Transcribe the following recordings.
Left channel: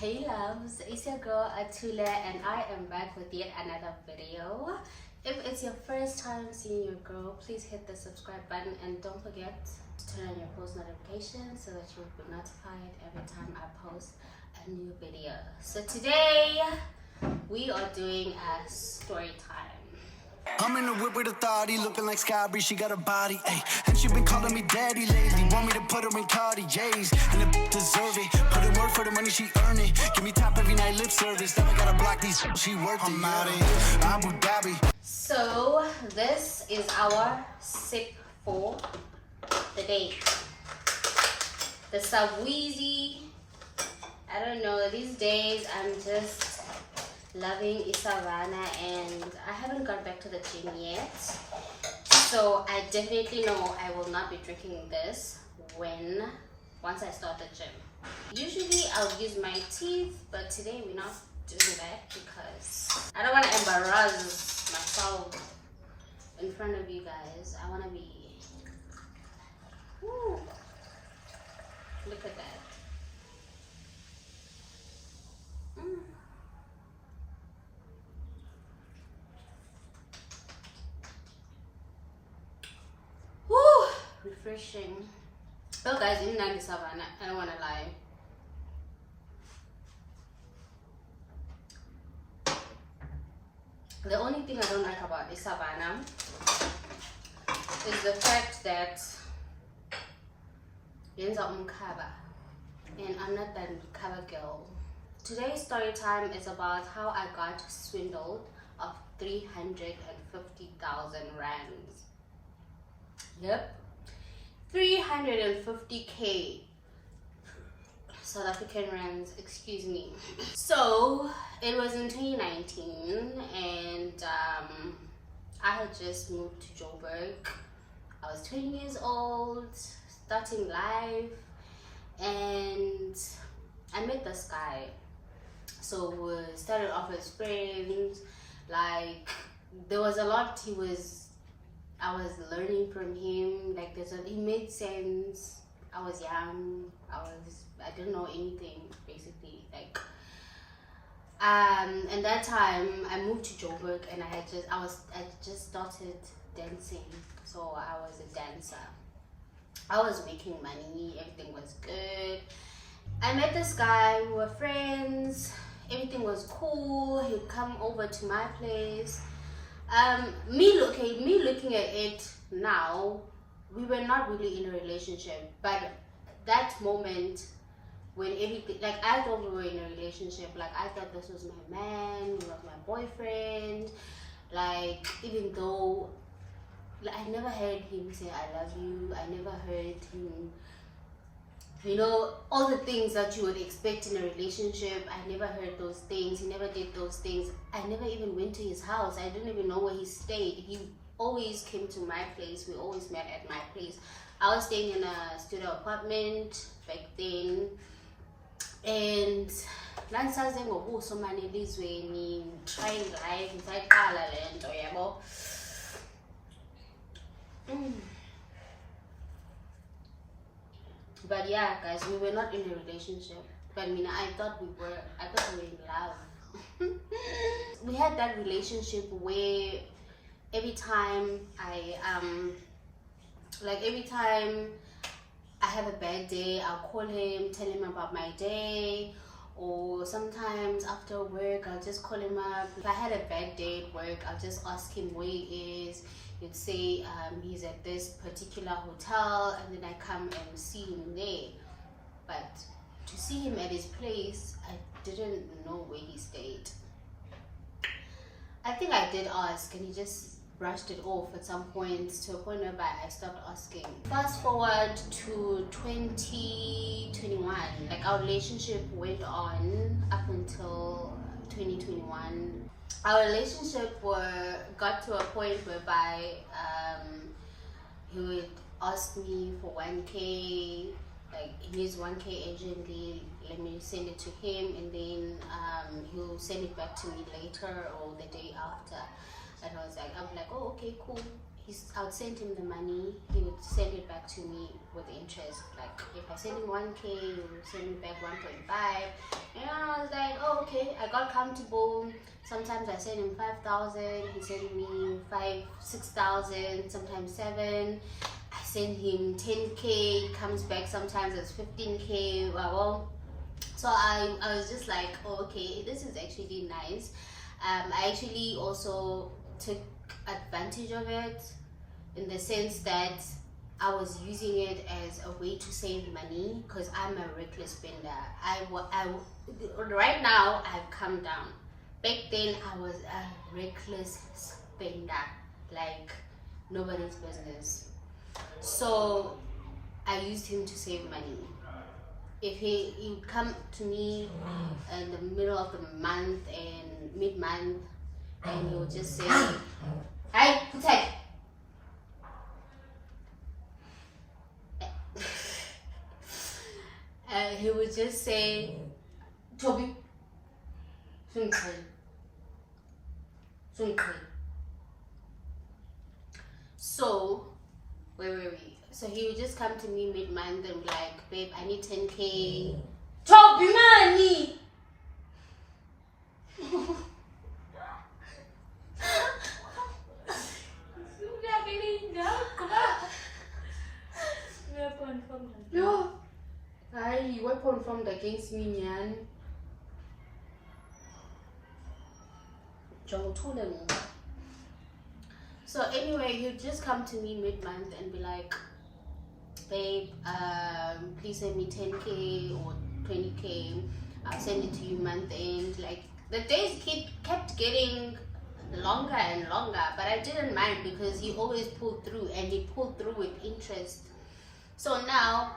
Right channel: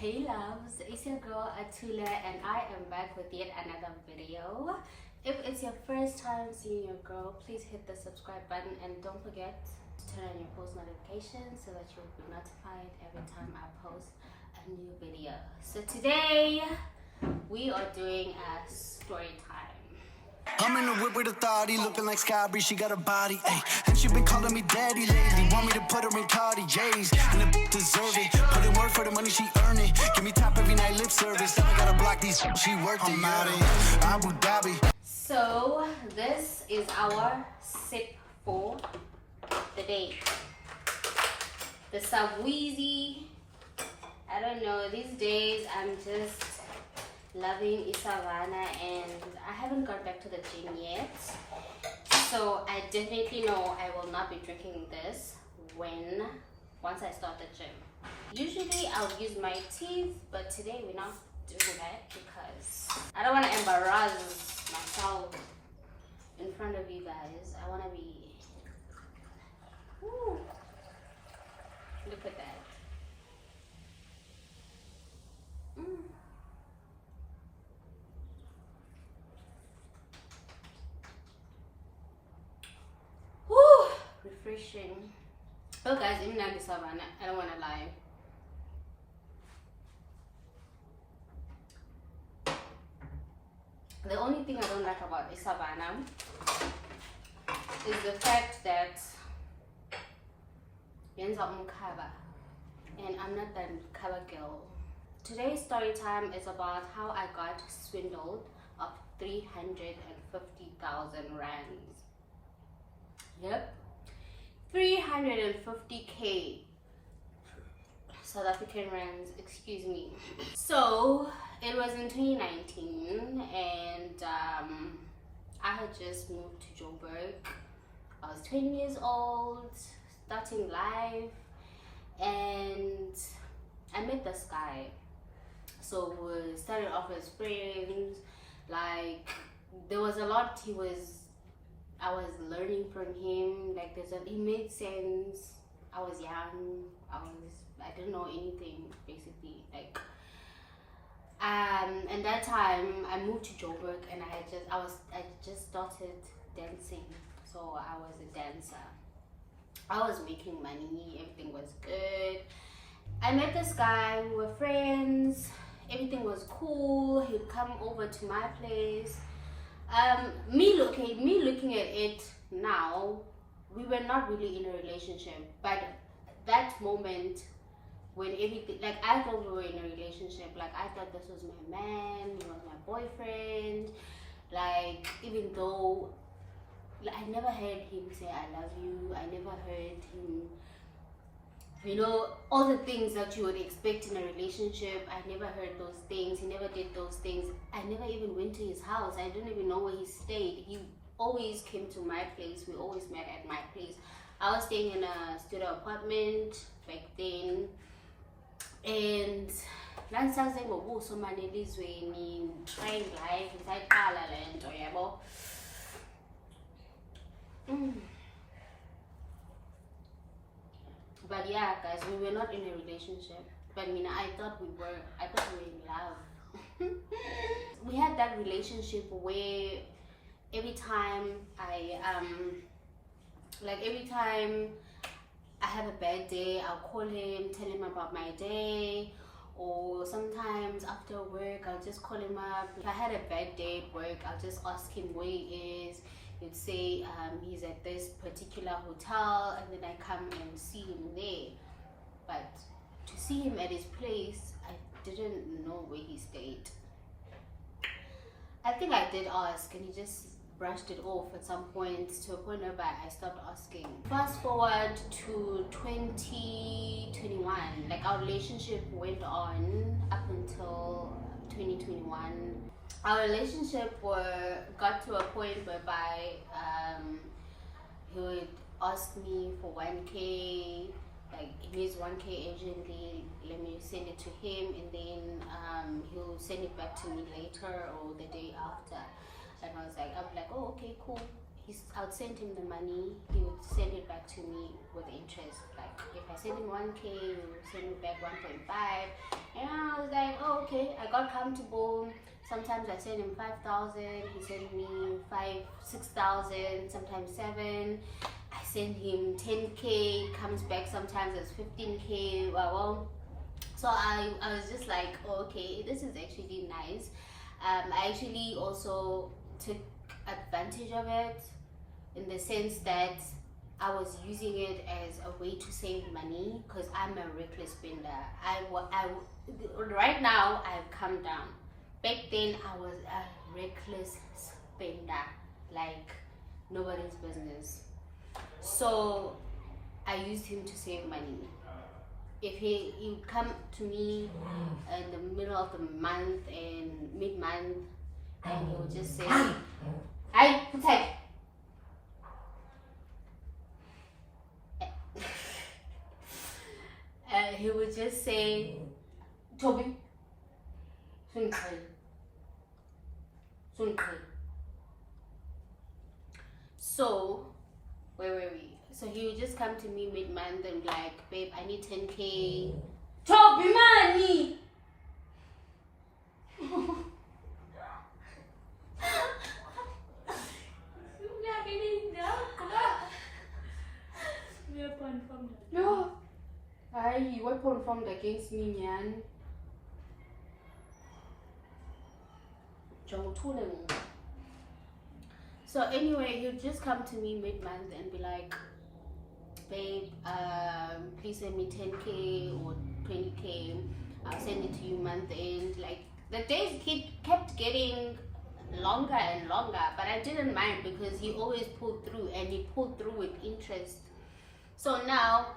Hey loves, it's your girl Atula and I am back with yet another video. If it's your first time seeing your girl, please hit the subscribe button and don't forget to turn on your post notifications so that you'll be notified every time I post a new video. So today we are doing a story time. I'm in the whip with authority, looking like Skybri, she got a body, ayy. And she been calling me daddy lately, want me to put her in Cartier's, and the deserve it. Put in work for the money, she earn it. Give me top every night, lip service. Never gotta block these, she worth it. I'm out in Abu Dhabi. So this is our sip for the day. The Subweezy. I don't know, these days I'm just loving Isavana and I haven't gone back to the gym yet, so I definitely know I will not be drinking this once I start the gym. Usually I'll use my teeth, but today we're not doing that because I don't want to embarrass myself in front of you guys. I want to be, ooh, look at that. Refreshing. Oh guys, in Savannah, I don't want to lie. The only thing I don't like about Savannah is the fact that yenza umkhaba, and I'm not that khaba girl. Today's story time is about how I got swindled of 350,000 rands. Yep. 350K South African rands, excuse me. So it was in 2019 and I had just moved to Joburg. I was 20 years old, starting life, and I met this guy. So we started off as friends. Like, there was a lot I was learning from him. Like, he made sense. I was young. I didn't know anything, basically. Like, and that time I moved to Joburg and I just started dancing. So I was a dancer. I was making money. Everything was good. I met this guy. We were friends. Everything was cool. He'd come over to my place. Me looking at it now, we were not really in a relationship, but that moment when everything, like, I thought we were in a relationship. Like, I thought this was my man, he was my boyfriend. Like, even though, like, I never heard him say I love you, I never heard him, you know, all the things that you would expect in a relationship. I never heard those things. He never did those things. I never even went to his house. I didn't even know where he stayed. He always came to my place. We always met at my place. I was staying in a studio apartment back then, and trying life inside Kalaland. But yeah, guys, we were not in a relationship. But I thought we were in love. We had that relationship where every time I have a bad day, I'll call him, tell him about my day. Or sometimes after work, I'll just call him up. If I had a bad day at work, I'll just ask him where he is. He'd say he's at this particular hotel, and then I come and see him there. But to see him at his place, I didn't know where he stayed. I think I did ask, and he just brushed it off at some point, to a point where I stopped asking. Fast forward to 2021, like, our relationship went on up until 2021. Our relationship got to a point whereby he would ask me for 1K, like, he needs 1K urgently, let me send it to him, and then he'll send it back to me later or the day after. And I'm like, oh, okay, cool. I would send him the money, he would send it back to me with interest. Like if I send him 1K, he would send me back 1.5. And I was like, oh, okay, I got comfortable. Sometimes I send him 5,000, he sent me 6,000, sometimes 7. I send him 10K, it comes back sometimes as 15K. Well, so I was just like, oh, okay, this is actually nice. I actually also took advantage of it in the sense that I was using it as a way to save money because I'm a reckless spender. Right now I've come down. Back then I was a reckless spender, like nobody's business. So I used him to save money. If he would come to me in the middle of the month and mid-month, and he would just say, "Hi, Putek." He would just say, "Toby, so where were we? So he would just come to me mid-month and be like, babe, I need 10K. Toby money! No. He weapon formed against me, man. So anyway, he'll just come to me mid-month and be like, babe, please send me 10K or 20K. I'll send it to you month end. Like the days kept getting longer and longer, but I didn't mind because he always pulled through, and he pulled through with interest. So now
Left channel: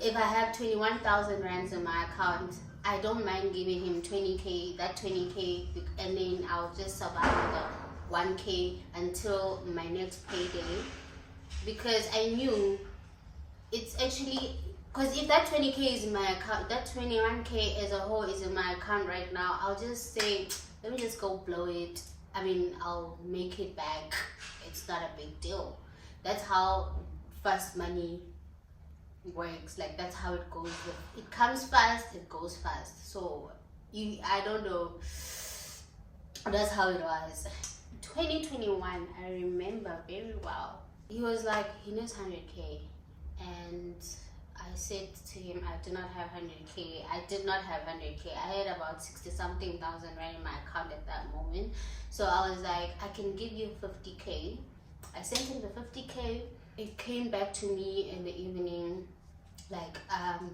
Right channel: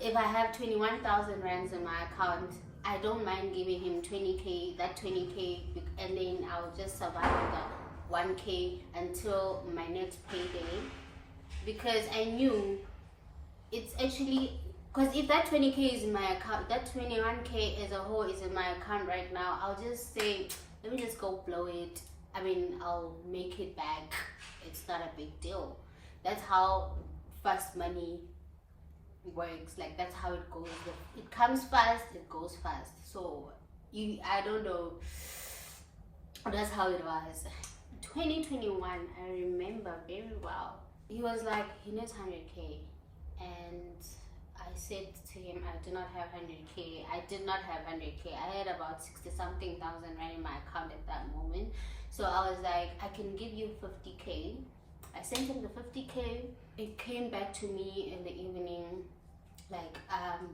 if I have 21,000 rands in my account, I don't mind giving him 20K, that 20K, and then I'll just survive with the 1K until my next payday, because I knew it's actually, because if that 20K is in my account, that 21K as a whole is in my account right now, I'll just say, let me just go blow it. I mean, I'll make it back. It's not a big deal. That's how fast money works. Like that's how it goes. It comes fast, it goes fast. So I don't know, that's how it was. 2021, I remember very well. He was like, he needs 100K, and I said to him, I do not have 100K. I did not have 100K. I had about 60 something thousand right in my account at that moment. So I was like, I can give you 50K. I sent him the 50K. It came back to me in the evening, like,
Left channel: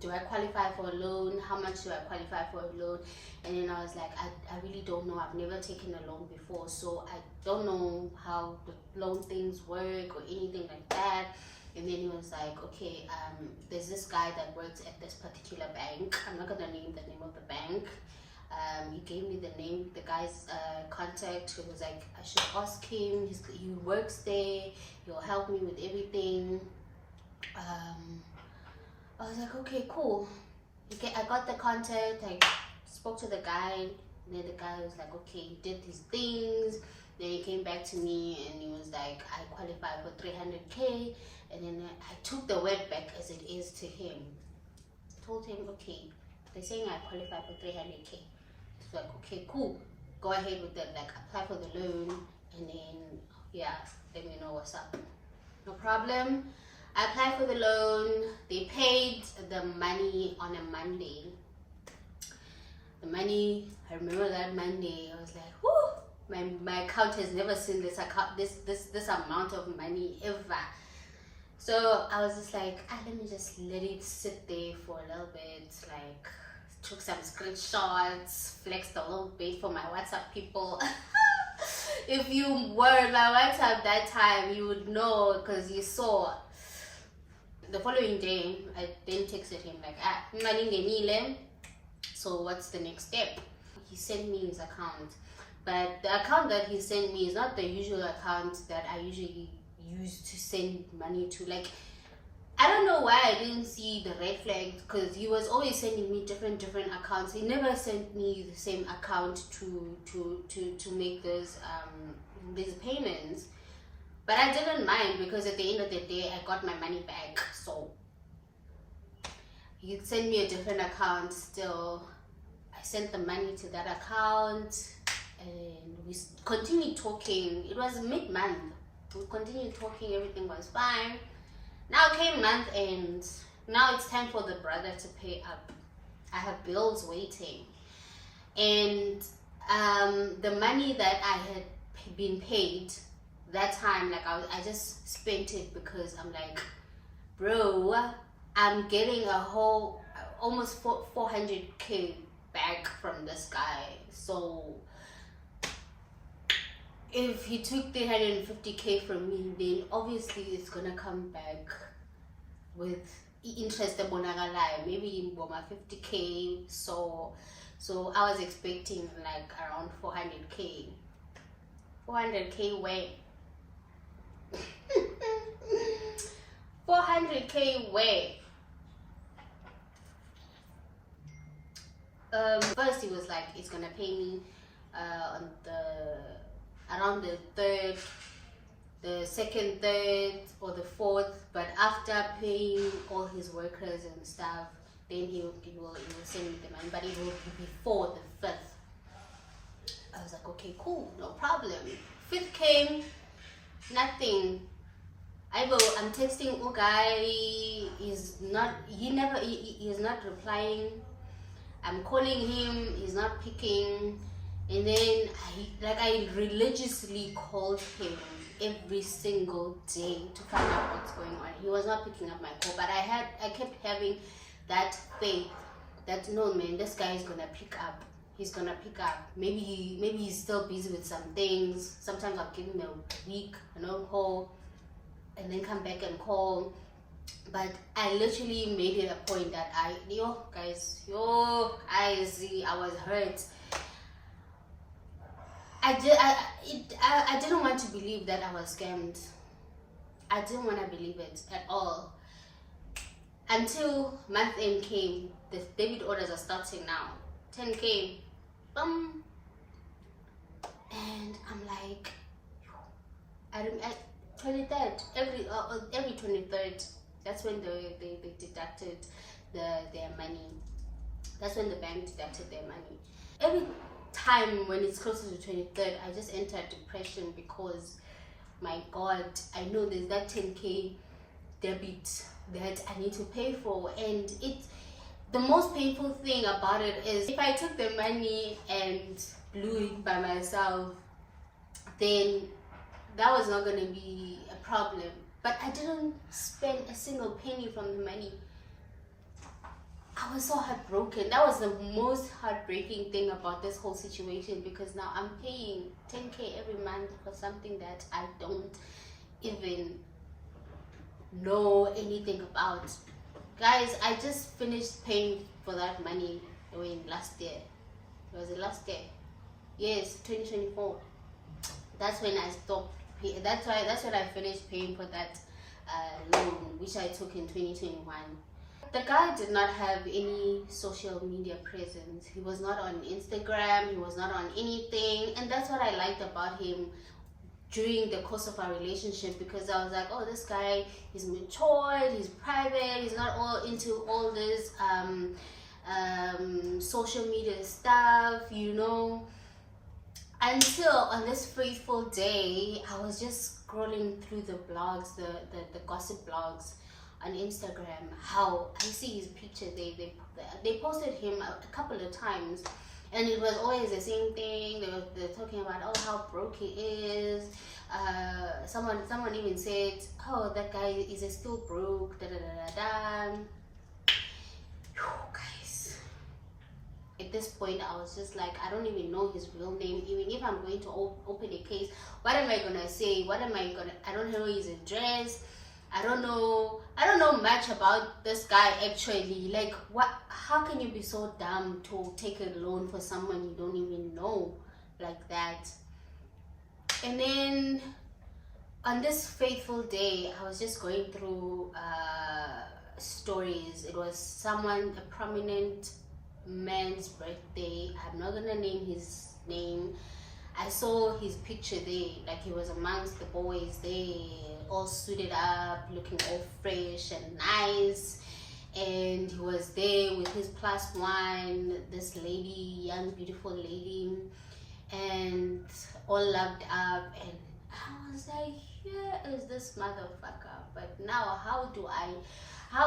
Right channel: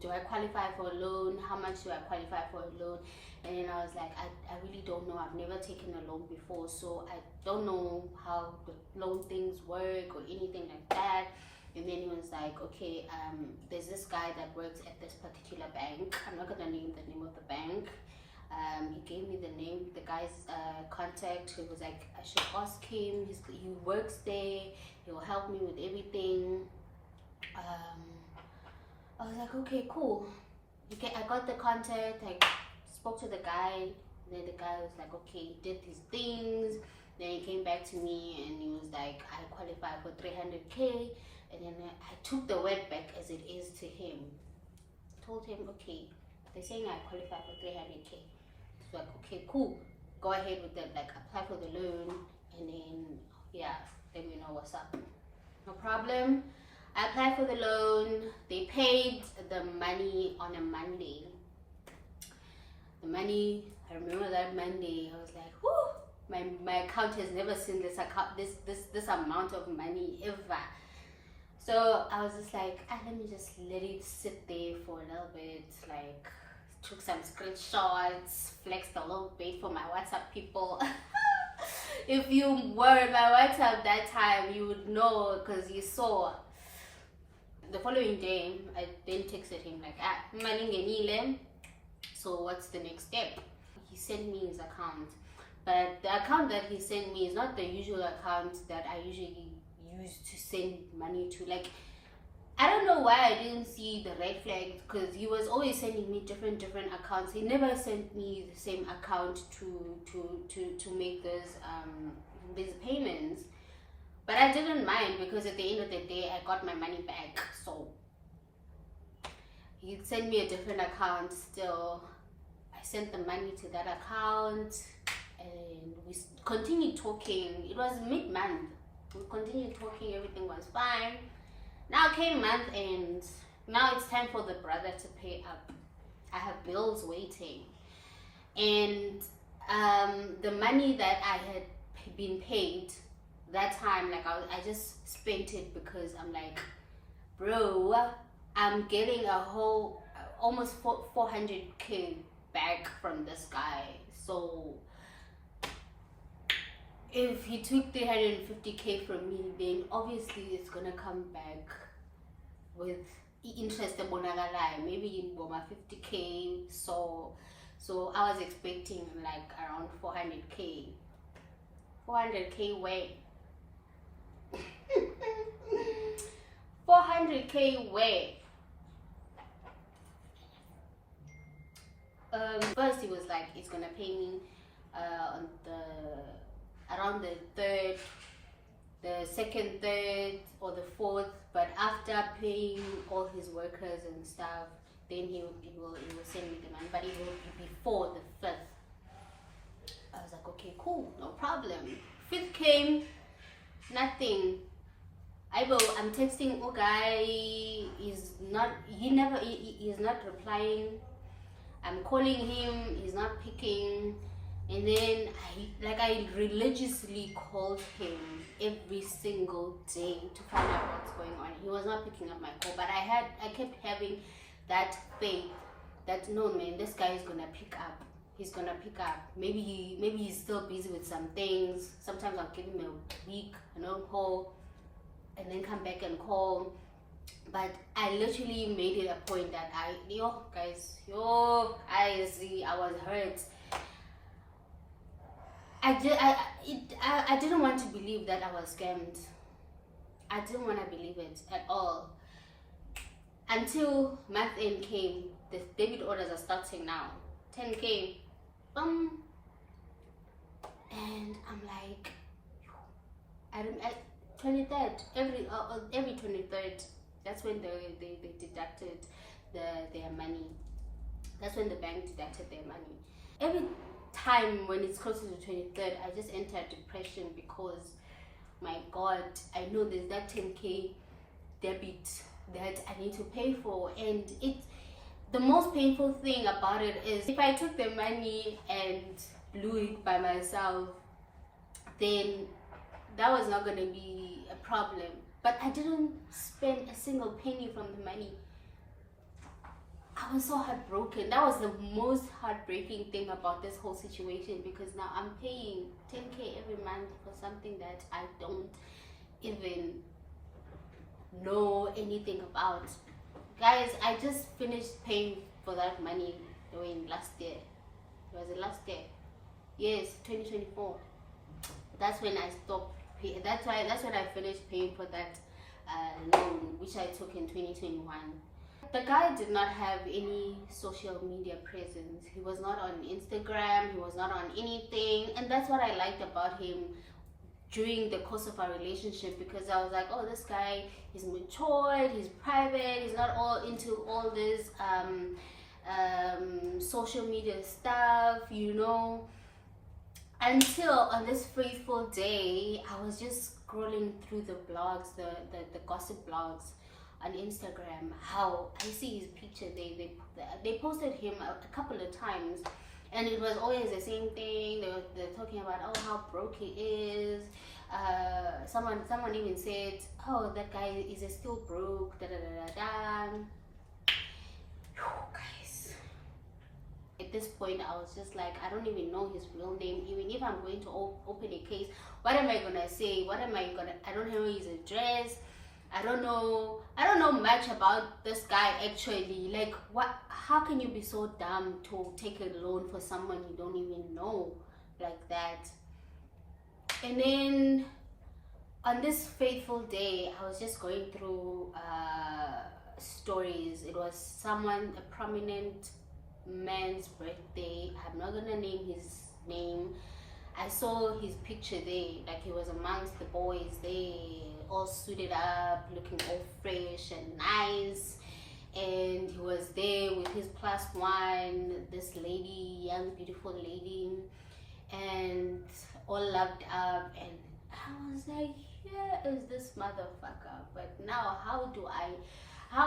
do I qualify for a loan? How much do I qualify for a loan? And then I was like, I really don't know. I've never taken a loan before, so I don't know how the loan things work or anything like that. And then he was like, okay, there's this guy that works at this particular bank. I'm not gonna name the name of the bank. He gave me the name, the guy's contact. He was like, I should ask him. He works there. He'll help me with everything. I was like, okay, cool. Okay, I got the contact. I spoke to the guy. Then the guy was like, okay, he did these things. Then he came back to me and he was like, I qualify for 300K. And then I took the word back as it is to him. Told him, okay, they're saying I qualify for 300K. It's like, okay, cool. Go ahead with that. Like, apply for the loan, and then yeah, let me know what's up. No problem. I applied for the loan. They paid the money on a Monday. The money, I remember that Monday. I was like, whoo! My account has never seen this amount of money ever. So I was just like, let me just let it sit there for a little bit. Like, took some screenshots, flexed a little bit for my WhatsApp people. If you were my WhatsApp that time, you would know, because you saw. The following day, I then texted him like, Malingenile, so what's the next step? He sent me his account, but the account that he sent me is not the usual account that I usually use to send money to. Like, I don't know why I didn't see the red flag, because he was always sending me different accounts. He never sent me the same account to make these payments. But I didn't mind because at the end of the day, I got my money back. So he sent me a different account still. I sent the money to that account and we continued talking. It was mid-month. We continued talking, everything was fine. Now came month end. Now it's time for the brother to pay up. I have bills waiting. And the money that I had been paid that time, like I just spent it because I'm like, bro, I'm getting a whole almost 400k back from this guy. So if he took 350k from me, then obviously it's gonna come back with interest, maybe in 50k. So I was expecting like around 400k way. 400k way. First he was like, he's gonna pay me on around the third, the second, third, or the fourth. But after paying all his workers and stuff, then he will send me the money. But it will be before the 5th. I was like, okay, cool, no problem. 5th came, nothing. I'm texting guy, he's not replying. I'm calling him, he's not picking. And then I religiously called him every single day to find out what's going on. He was not picking up my call, but I kept having that faith that no man, this guy is gonna pick up. He's gonna pick up. Maybe he's still busy with some things. Sometimes I'll give him a week, no call, and then come back and call. But I literally made it a point that I was hurt. I didn't want to believe that I was scammed. I didn't want to believe it at all. Until month end came, the debit orders are starting now. 10k, boom. And I'm like, 23rd, every 23rd, that's when they deducted their money. That's when the bank deducted their money. Every time when it's closer to 23rd, I just enter depression because, my God, I know there's that 10k debit that I need to pay for. And the most painful thing about it is if I took the money and blew it by myself, then that was not going to be a problem. But I didn't spend a single penny from the money. I was so heartbroken. That was the most heartbreaking thing about this whole situation, because now I'm paying 10k every month for something that I don't even know anything about. Guys, I just finished paying for that money during last year. Was it last year? Yes, 2024. That's when I stopped paying. That's when I finished paying for that loan, which I took in 2021. The guy did not have any social media presence. He was not on Instagram, he was not on anything. And that's what I liked about him during the course of our relationship, because I was like, oh, this guy is matured, he's private, he's not all into all this social media stuff, you know. Until on this fateful day, I was just scrolling through the blogs, the gossip blogs on Instagram. How I see his picture, they posted him a couple of times, and it was always the same thing. They're talking about, oh, how broke he is. Someone even said, oh, that guy is still broke, da da da da da. Guys, at this point I was just like, I don't even know his real name. Even if I'm going to open a case, what am I gonna say? I don't know his address. I don't know much about this guy actually. Like, how can you be so dumb to take a loan for someone you don't even know like that? And then on this fateful day, I was just going through stories. It was a prominent man's birthday. I'm not gonna name his name. I saw his picture there, like he was amongst the boys there, all suited up, looking all fresh and nice. And he was there with his +1, this lady, young, beautiful lady, and all loved up. And I was like, here is this motherfucker. But now, how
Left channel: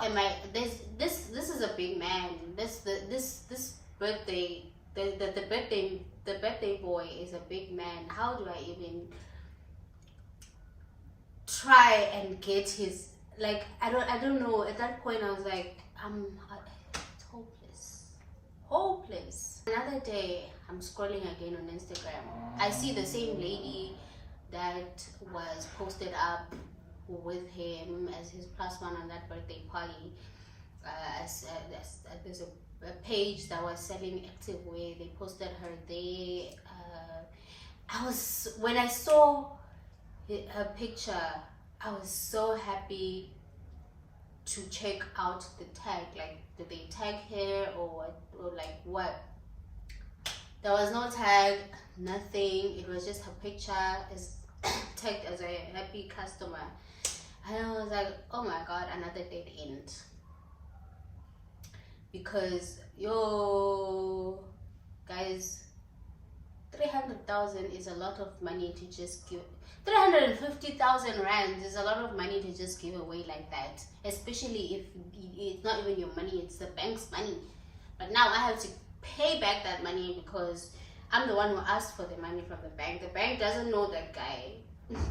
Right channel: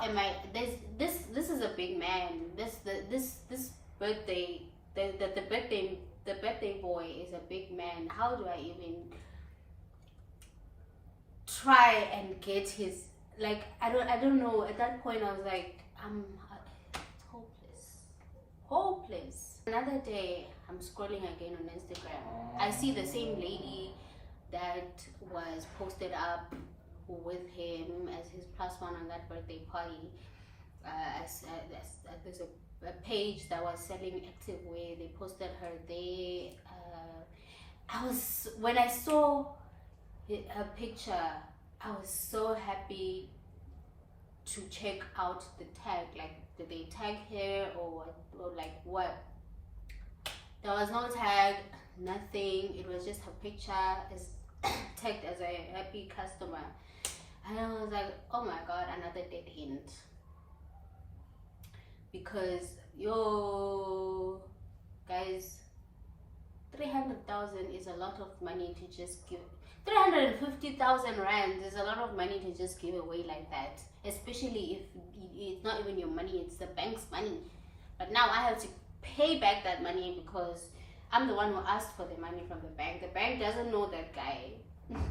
am I? This is a big man. This birthday, the birthday boy is a big man. How do I even try and get his, like, I don't know. At that point I was like, it's hopeless. Another day I'm scrolling again on Instagram. I see the same lady that was posted up with him as his +1 on that birthday party. There's a page that was selling activewear. They posted her there. When I saw her picture, I was so happy to check out the tag. Like, did they tag her or like what? There was no tag, nothing. It was just her picture is tagged as a happy customer. And I was like, oh my god, another dead end. Because yo guys, 300,000 is a lot of money to just give. 350,000 rand is a lot of money to just give away like that, especially if it's not even your money, it's the bank's money. But now I have to pay back that money because I'm the one who asked for the money from the bank. The bank doesn't know that guy.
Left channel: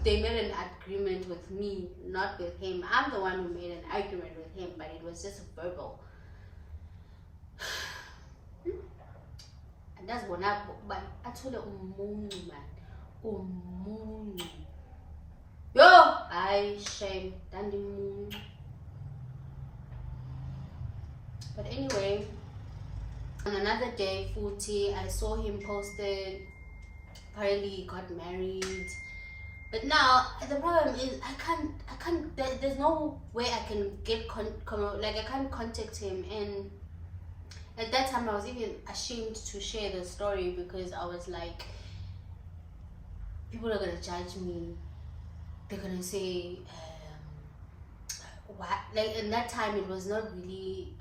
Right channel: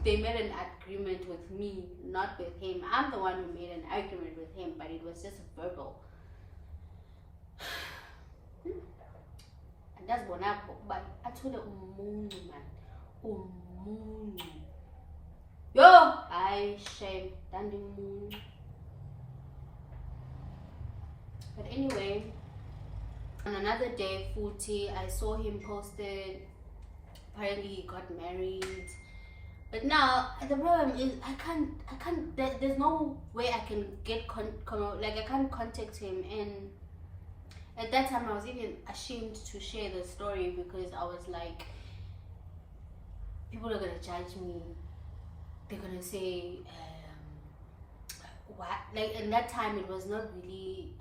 They made an agreement with me, not with him. I'm the one who made an argument with him, but it was just verbal. And that's what I told her, man. Yo, I shame dandy moon. But anyway, on another day, 40, I saw him posted. Apparently he got married. But now the problem is I can't. There's no way I can get I can't contact him. And at that time I was even ashamed to share the story because I was like, people are gonna judge me. They're gonna say, what? Like, in that time it was not really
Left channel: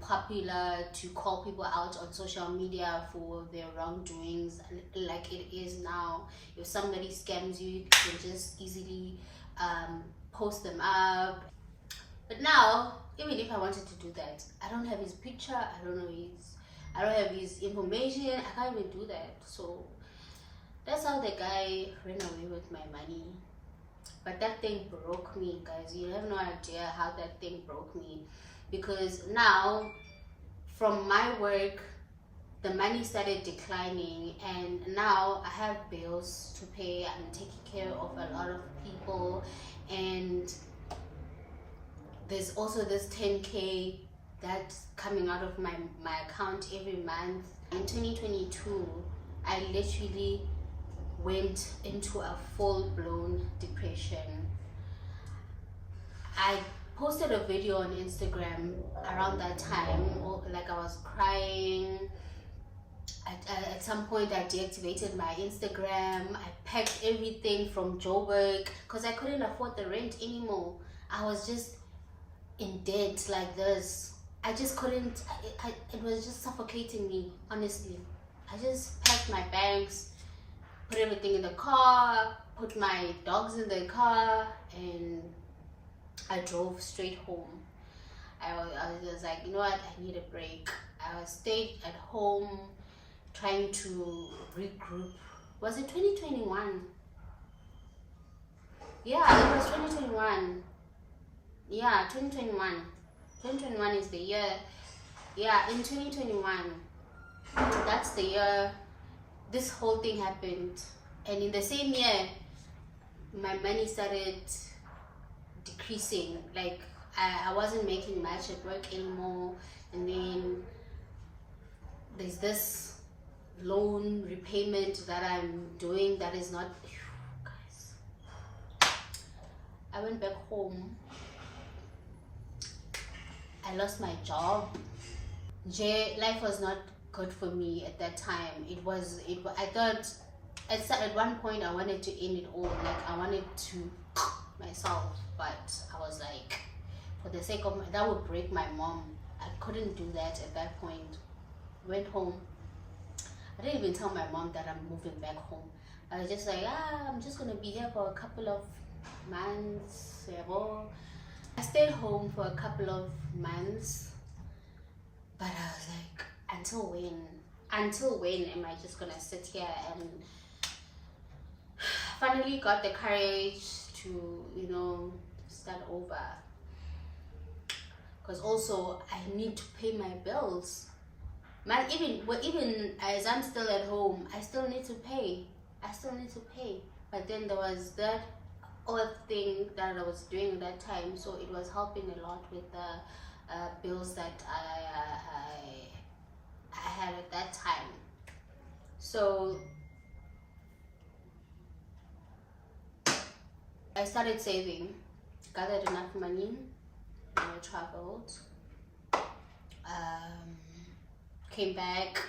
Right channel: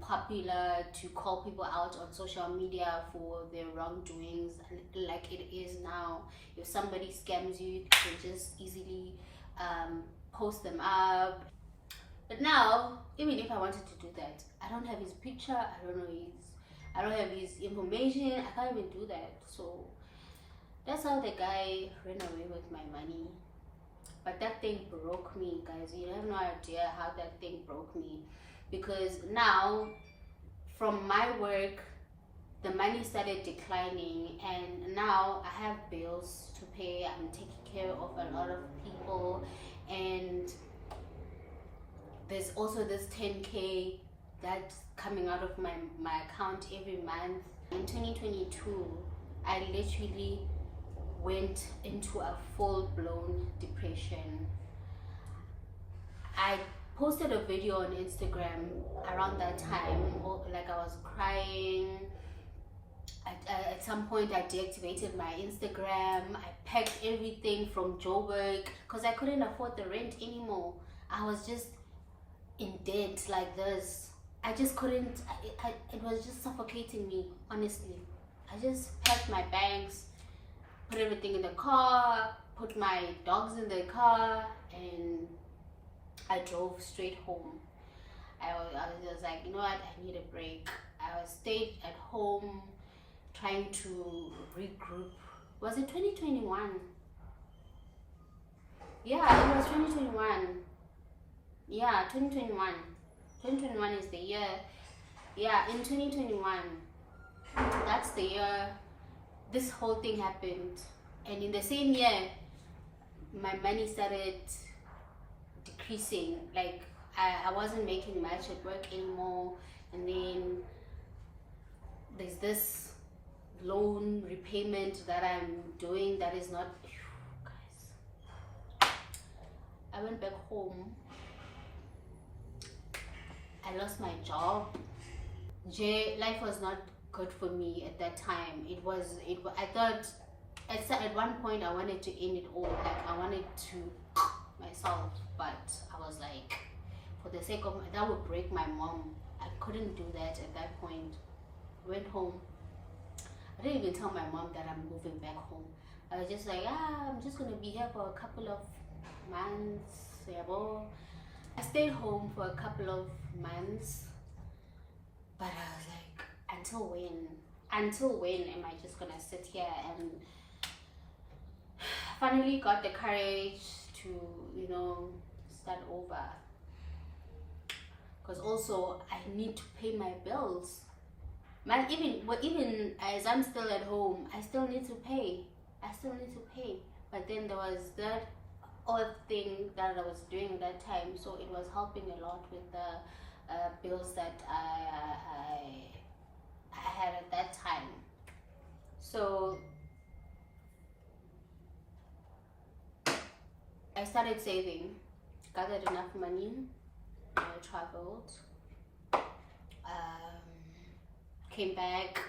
popular to call people out on social media for their wrongdoings like it is now. If somebody scams you, you can just easily post them up. But now, even if I wanted to do that, I don't have his picture, I don't have his information, I can't even do that. So that's how the guy ran away with my money. But that thing broke me, guys. You have no idea how that thing broke me. Because now, from my work, the money started declining. And now I have bills to pay. I'm taking care of a lot of people. And there's also this 10K that's coming out of my account every month. In 2022, I literally went into a full-blown depression. I posted a video on Instagram around that time, like I was crying. At some point I deactivated my Instagram. I packed everything from Joburg because I couldn't afford the rent anymore. I was just in debt like this. I just couldn't, it was just suffocating me, honestly. I just packed my bags, put everything in the car, put my dogs in the car, and I drove straight home. I was just like, you know what, I need a break. I stayed at home trying to regroup. Was it 2021? Yeah, it was 2021. Yeah, 2021. 2021 is the year. Yeah, in 2021, that's the year this whole thing happened. And in the same year, my money started decreasing. Like, I wasn't making much at work anymore. And then there's this loan repayment that I'm doing that is not, guys. I went back home. I lost my job. Life was not good for me at that time. I thought at one point I wanted to end it all. Like I wanted to myself, but I was like, for the sake of that would break my mom. I couldn't do that at that point. Went home. I didn't even tell my mom that I'm moving back home. I was just like, I'm just gonna be here for a couple of months. I stayed home for a couple of months, but I was like, until when am I just gonna sit here? And finally got the courage to, you know, start over, because also I need to pay my bills, man. Even as I'm still at home, I still need to pay. But then there was that other thing that I was doing at that time, so it was helping a lot with the bills that I had at that time. So I started saving, gathered enough money, and I traveled, came back,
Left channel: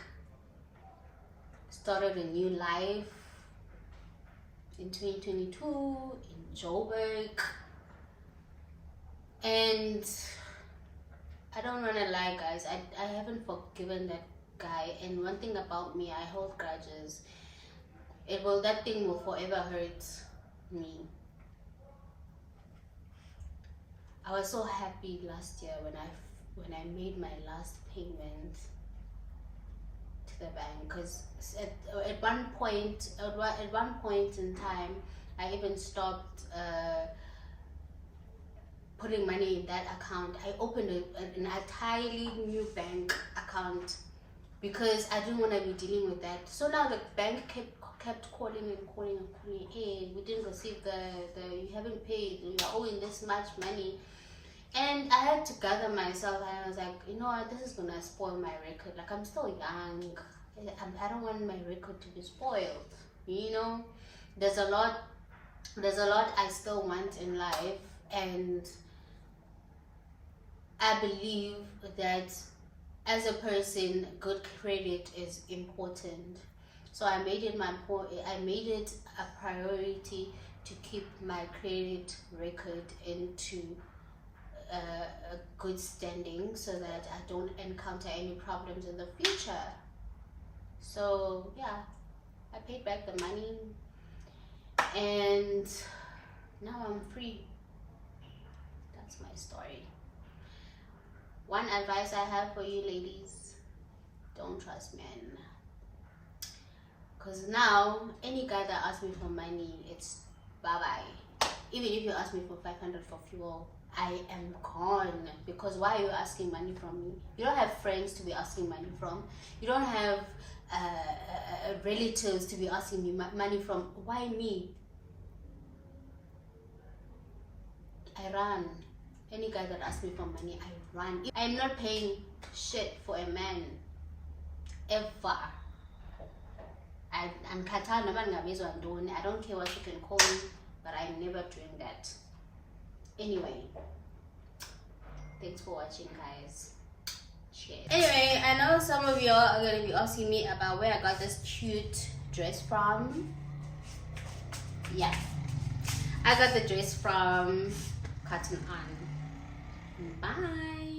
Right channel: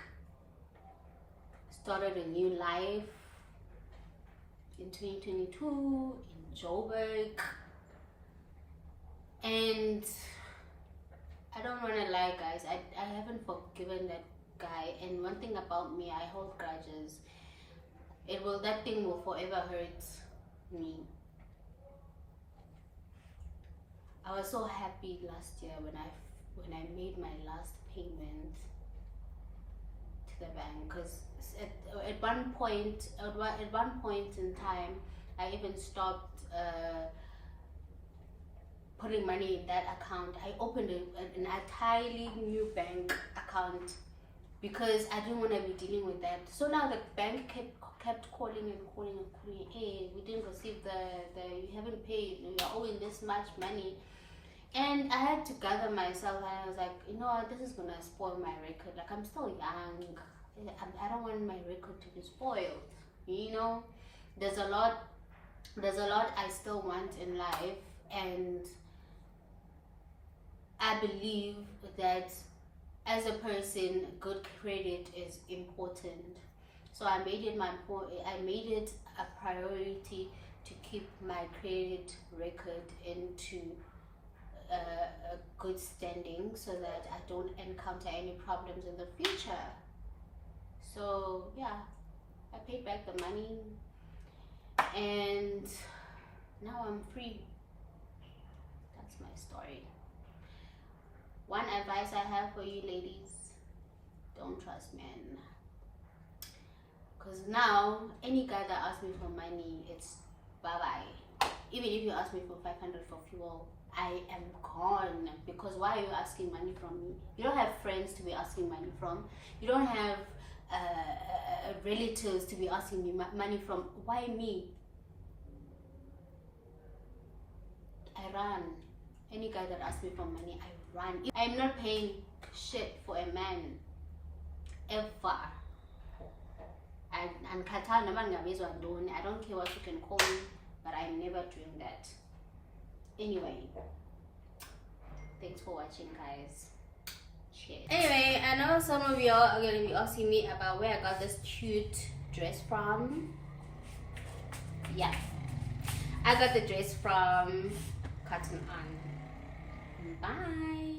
started a new life in 2022 in Joburg. And I don't want to lie, guys, I haven't forgiven that guy. And one thing about me, I hold grudges. That thing will forever hurt me. I was so happy last year when I made my last payment to the bank, because at one point in time I even stopped putting money in that account. I opened an entirely new bank account because I didn't want to be dealing with that. So now the bank kept calling. Hey, we didn't receive the you haven't paid, you are owing this much money. And I had to gather myself, and I was like, you know what, this is gonna spoil my record. Like, I'm still young, I don't want my record to be spoiled, you know. There's a lot I still want in life, and I believe that as a person, good credit is important. So I made it a priority to keep my credit record into a good standing, so that I don't encounter any problems in the future. So yeah, I paid back the money, and now I'm free. That's my story. One advice I have for you ladies: don't trust men. Because now any guy that asks me for money, it's bye-bye. Even if you ask me for 500 for fuel, I am gone. Because why are you asking money from me? You don't have friends to be asking money from. You don't have relatives to be asking me money from. Why me? I run. Any guy that asks me for money, I run. I'm not paying shit for a man ever. I don't care what you can call me, but I'm never doing that. Anyway, thanks for watching, guys. Cheers. Anyway, I know some of y'all are going to be asking me about where I got this cute dress from. Yeah, I got the dress from Cotton On. Bye.